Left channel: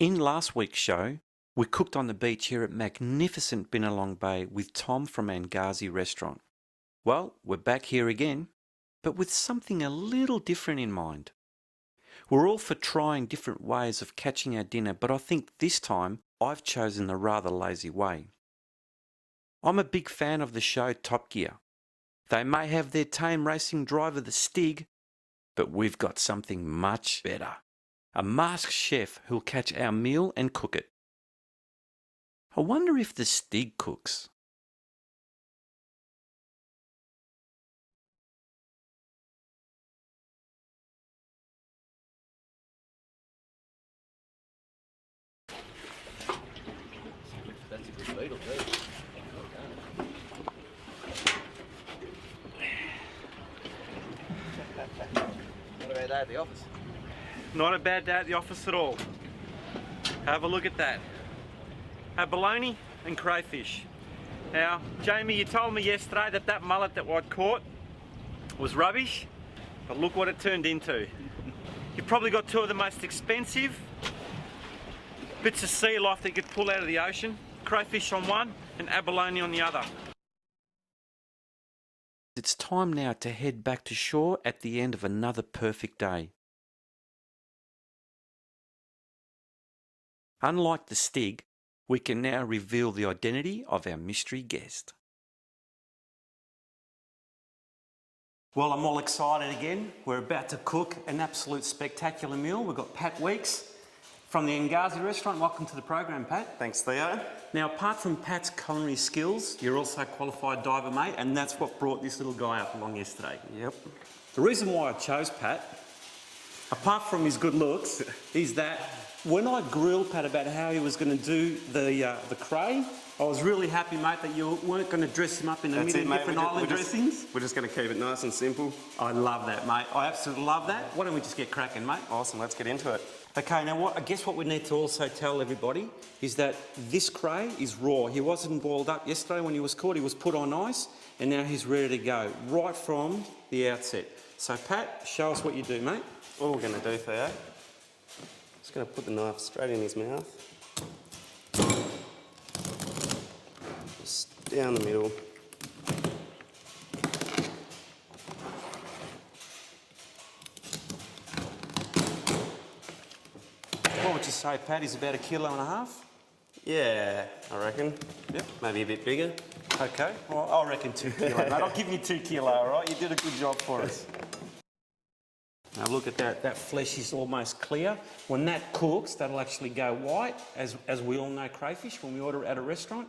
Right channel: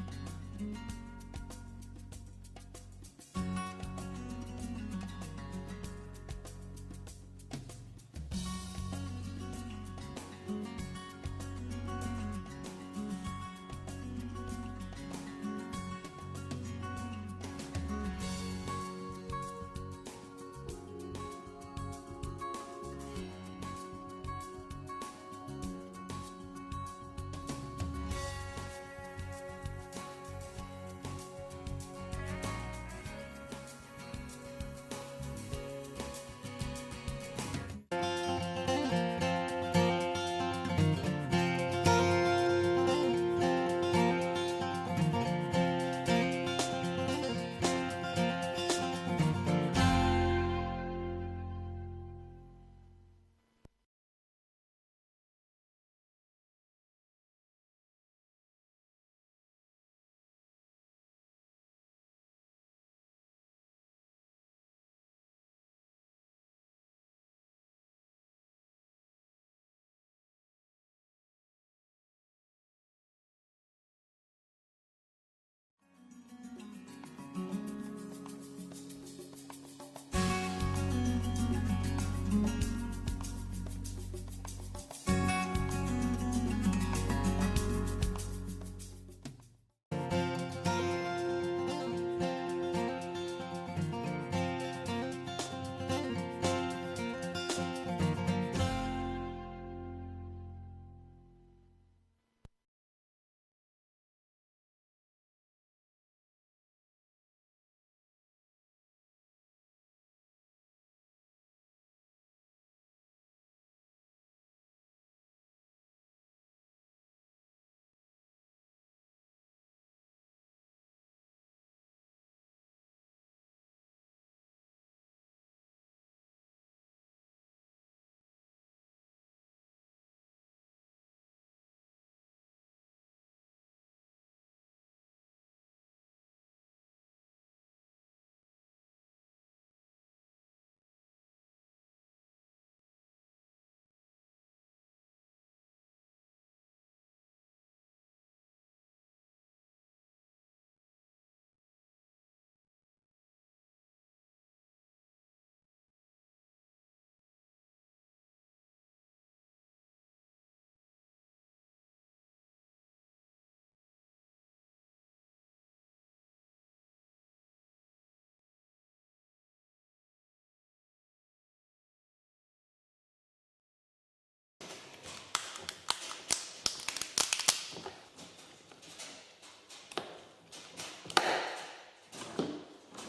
In last week's show, we cooked on the beach here at magnificent Binalong Bay with Tom from Angazi Restaurant. Well, we're back here again, but with something a little different in mind. We're all for trying different ways of catching our dinner, but I think this time I've chosen a rather lazy way. I'm a big fan of the show Top Gear. They may have their tame racing driver, the Stig, but we've got something much better. A masked chef who'll catch our meal and cook it. I wonder if the Stig cooks. What about that at the office? Not a bad day at the office at all. Have a look at that. Abalone and crayfish. Now, Jamie, you told me yesterday that that mullet that I'd caught was rubbish, but look what it turned into. You've probably got two of the most expensive bits of sea life that you could pull out of the ocean. Crayfish on one and abalone on the other. It's time now to head back to shore at the end of another perfect day. Unlike the Stig, we can now reveal the identity of our mystery guest. Well, I'm all excited again. We're about to cook an absolute spectacular meal. We've got Pat Weeks from the Angazi Restaurant. Welcome to the program, Pat. Thanks, Theo. Now, apart from Pat's culinary skills, you're also a qualified diver, mate, and that's what brought this little guy up along yesterday. Yep. The reason why I chose Pat, apart from his good looks, is that when I grilled Pat about how he was going to do the cray, I was really happy, mate, that you weren't going to dress him up in a million different island dressings. We're just going to keep it nice and simple. I love that, mate. I absolutely love that. Why don't we just get cracking, mate? Awesome, let's get into it. Okay, now I guess what we need to also tell everybody is that this cray is raw. He wasn't boiled up yesterday when he was caught. He was put on ice, and now he's ready to go right from the outset. So, Pat, show us what you do, mate. What we're going to do, Theo, just going to put the knife straight in his mouth. Just down the middle. What would you say, Pat? He's about 1.5 kilos? Yeah, I reckon. Yep. Maybe a bit bigger. Okay, well, I reckon 2 kilos, mate. I'll give you 2 kilos, all right? You did a good job for us. Now look at that, that flesh is almost clear. When that cooks, that'll actually go white, as we all know crayfish when we order at a restaurant.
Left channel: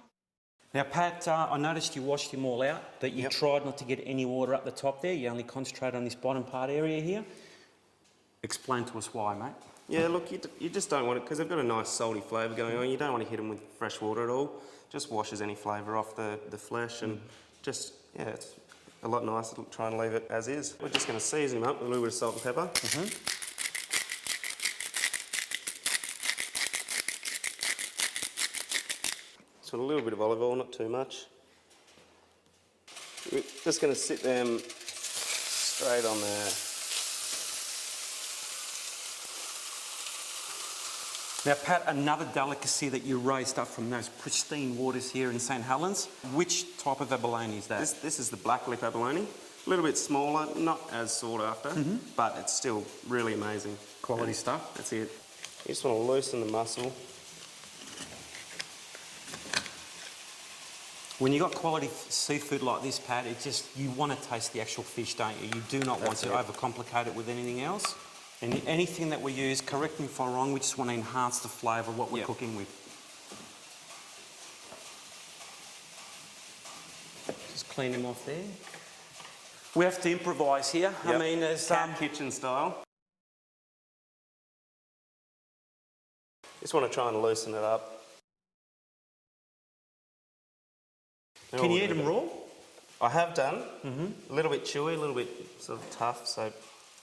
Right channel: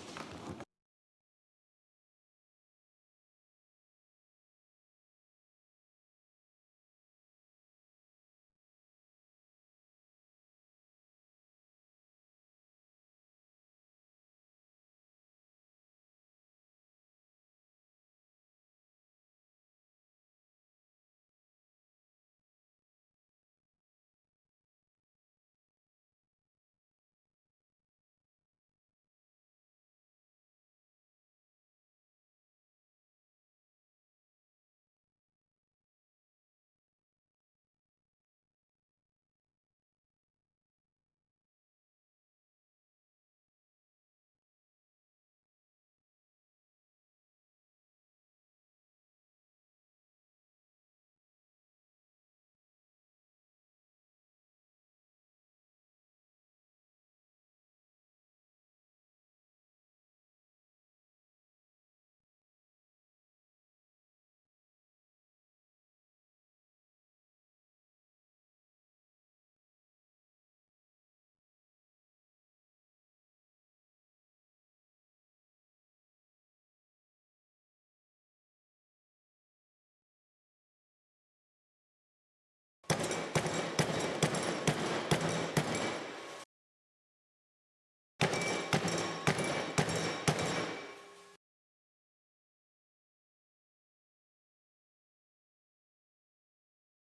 Now, Pat, I noticed you washed him all out, that you tried not to get any water up the top there. You only concentrate on this bottom part area here. Explain to us why, mate. Yeah, look, you just don't want it, because they've got a nice salty flavour going on. You don't want to hit them with fresh water at all. Just washes any flavour off the flesh and just, yeah, it's a lot nicer trying to leave it as is. We're just going to season him up with a little bit of salt and pepper. Just want a little bit of olive oil, not too much. We're just going to sit them straight on there. Now, Pat, another delicacy that you raised up from those pristine waters here in St. Helens, which type of abalone is that? This is the black lip abalone. A little bit smaller, not as sought after, but it's still really amazing. Quality stuff. That's it. You just want to loosen the muscle. When you've got quality seafood like this, Pat, it just, you want to taste the actual fish, don't you? You do not want to overcomplicate it with anything else. And anything that we use, correct me if I'm wrong, we just want to enhance the flavour of what we're cooking with. Just clean them off there. We have to improvise here. I mean, there's kitchen style. Just want to try and loosen it up. Can you eat them raw? I have done. A little bit chewy, a little bit sort of tough, so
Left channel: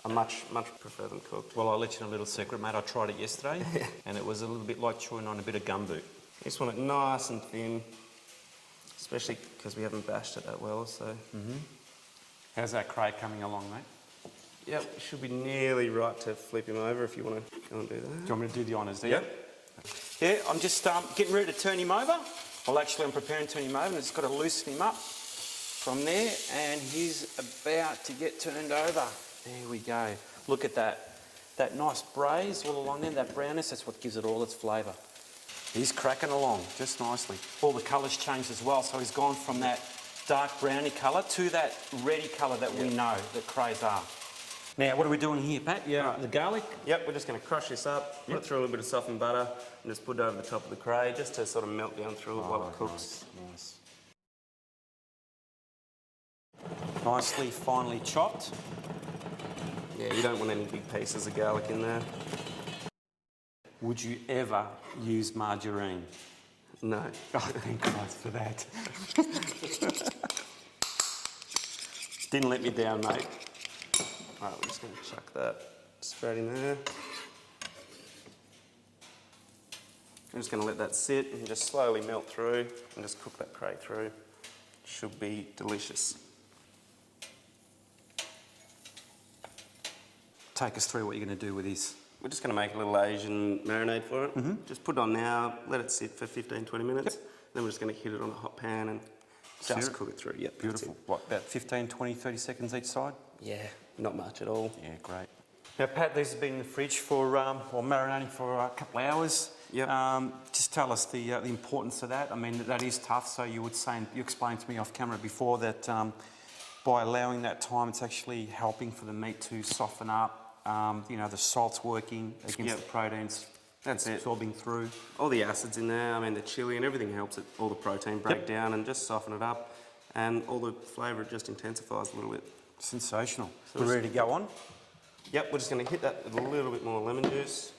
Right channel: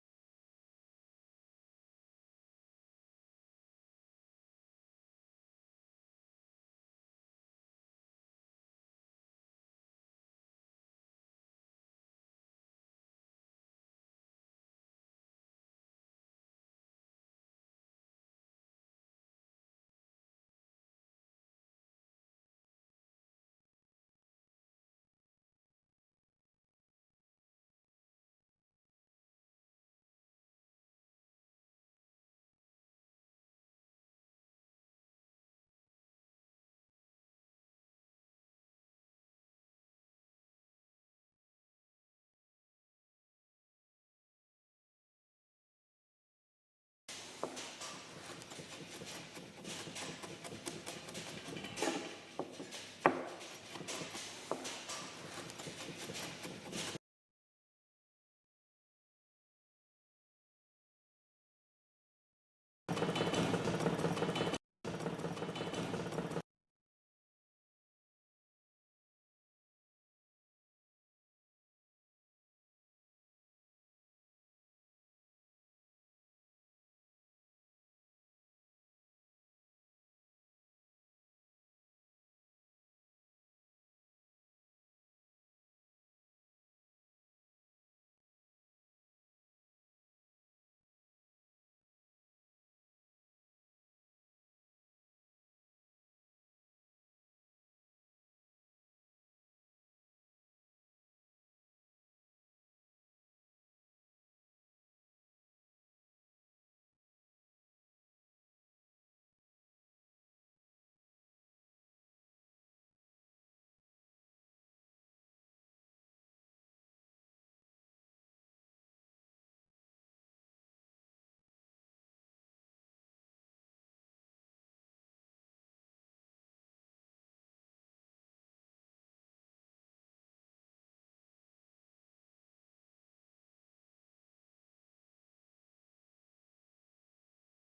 I much prefer them cooked. Well, I'll let you know a little secret, mate. I tried it yesterday, and it was a little bit like chewing on a bit of gumboot. You just want it nice and thin, especially because we haven't bashed it that well, so... How's that cray coming along, mate? Yep, should be nearly right to flip him over if you want to go and do that. Do you want me to do the honours there? Yep. Yeah, I'm just getting ready to turn him over. Well, actually, I'm preparing to turn him over, and it's got to loosen him up from there, and he's about to get turned over. There we go. Look at that. That nice braise all along there, that brownness, that's what gives it all its flavour. He's cracking along just nicely. All the colours changed as well, so he's gone from that dark browny colour to that reddy colour that we know that crays are. Now, what are we doing here, Pat? Yeah, the garlic? Yep, we're just going to crush this up, put it through a little bit of softened butter, and just put it over the top of the cray, just to sort of melt down through it while it cooks. Nicely, finely chopped. Yeah, you don't want any big pieces of garlic in there. Would you ever use margarine? No. Oh, thank Christ for that. Didn't let me down, mate. Alright, we're just going to chuck that straight in there. I'm just going to let that sit and just slowly melt through and just cook that cray through. Should be delicious. Take us through what you're going to do with this. We're just going to make a little Asian marinade for it. Just put it on now, let it sit for 15-20 minutes. Then we're just going to hit it on a hot pan and just cook it through. Yep, beautiful. What, about 15, 20, 30 seconds each side? Yeah, not much at all. Yeah, great. Now, Pat, these have been in the fridge for, or marinating for a couple of hours. Yep. Just tell us the importance of that. I mean, that is tough. So you would say, and you explained to me off camera before that by allowing that time, it's actually helping for the meat to soften up. You know, the salt's working against the proteins. That's it. Absorbing through. All the acids in there, I mean, the chilli and everything helps it, all the protein break down and just soften it up. And all the flavour just intensifies a little bit. Sensational. So we're ready to go on? Yep, we're just going to hit that with a little bit more lemon juice.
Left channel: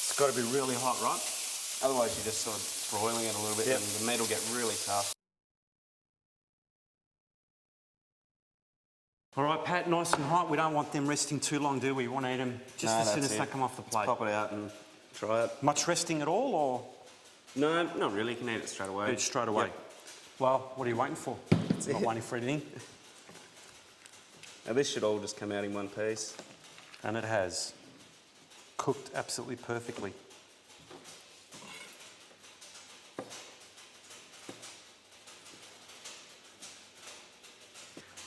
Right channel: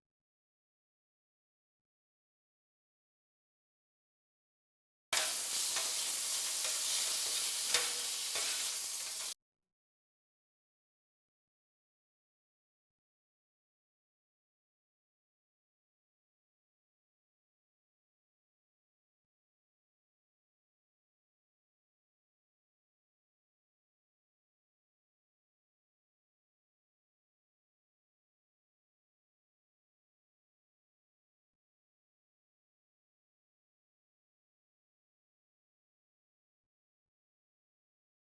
It's got to be really hot, right? Otherwise you're just sort of broiling it a little bit and the meat will get really tough. All right, Pat, nice and hot. We don't want them resting too long, do we? We want to eat them just as soon as they come off the plate. Pop it out and try it. Much resting at all, or? No, not really. You can eat it straight away. Eat it straight away. Yep. Well, what are you waiting for? Not waiting for anything. Now this should all just come out in one piece. And it has. Cooked absolutely perfectly.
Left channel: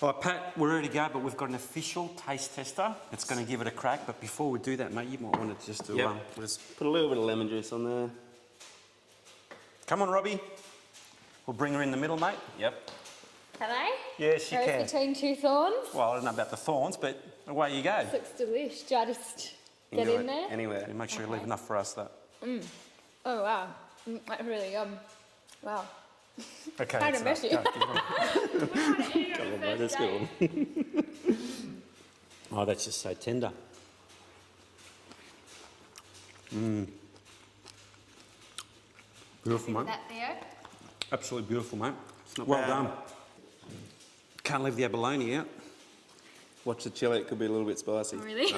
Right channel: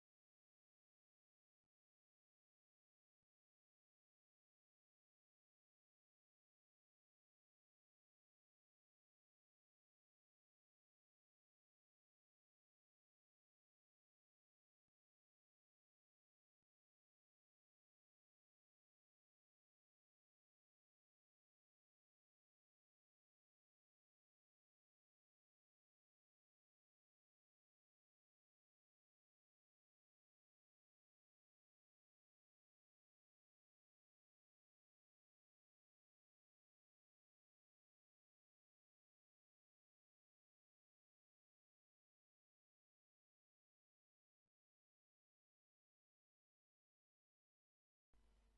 All right, Pat, we're ready to go, but we've got an official taste tester. It's going to give it a crack, but before we do that, mate, you might want to just do we'll just put a little bit of lemon juice on there. Come on, Robbie. We'll bring her in the middle, mate. Yep. Can I? Yes, you Rose can. between two thorns. Well, I don't know about the thorns, but away you go. Looks delish. Do I just get in there? Anywhere. Yeah, make sure you leave enough for us, though. Oh, wow. That's really yum. Wow. Okay. Kind of messy. Come on, mate, that's good. Oh, that's just so tender. Beautiful, mate. That there? Absolutely beautiful, mate. not Well bad. done. Can't leave the abalone out. Watch the chili, it could be a little bit spicy. Really?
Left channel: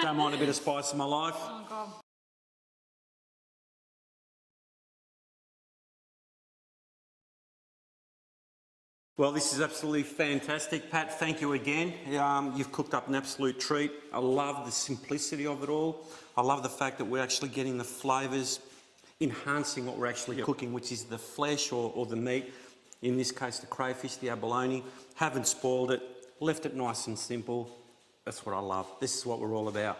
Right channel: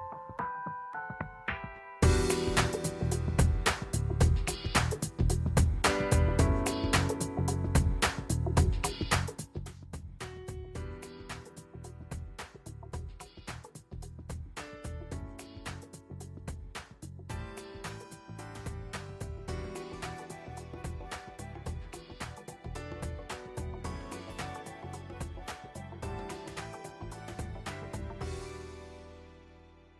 Don't mind a bit of spice in my life. Well, this is absolutely fantastic, Pat. Thank you again. You've cooked up an absolute treat. I love the simplicity of it all. I love the fact that we're actually getting the flavours enhancing what we're actually cooking, which is the flesh or the meat. In this case, the crayfish, the abalone. Haven't spoiled it, left it nice and simple. That's what I love. This is what we're all about.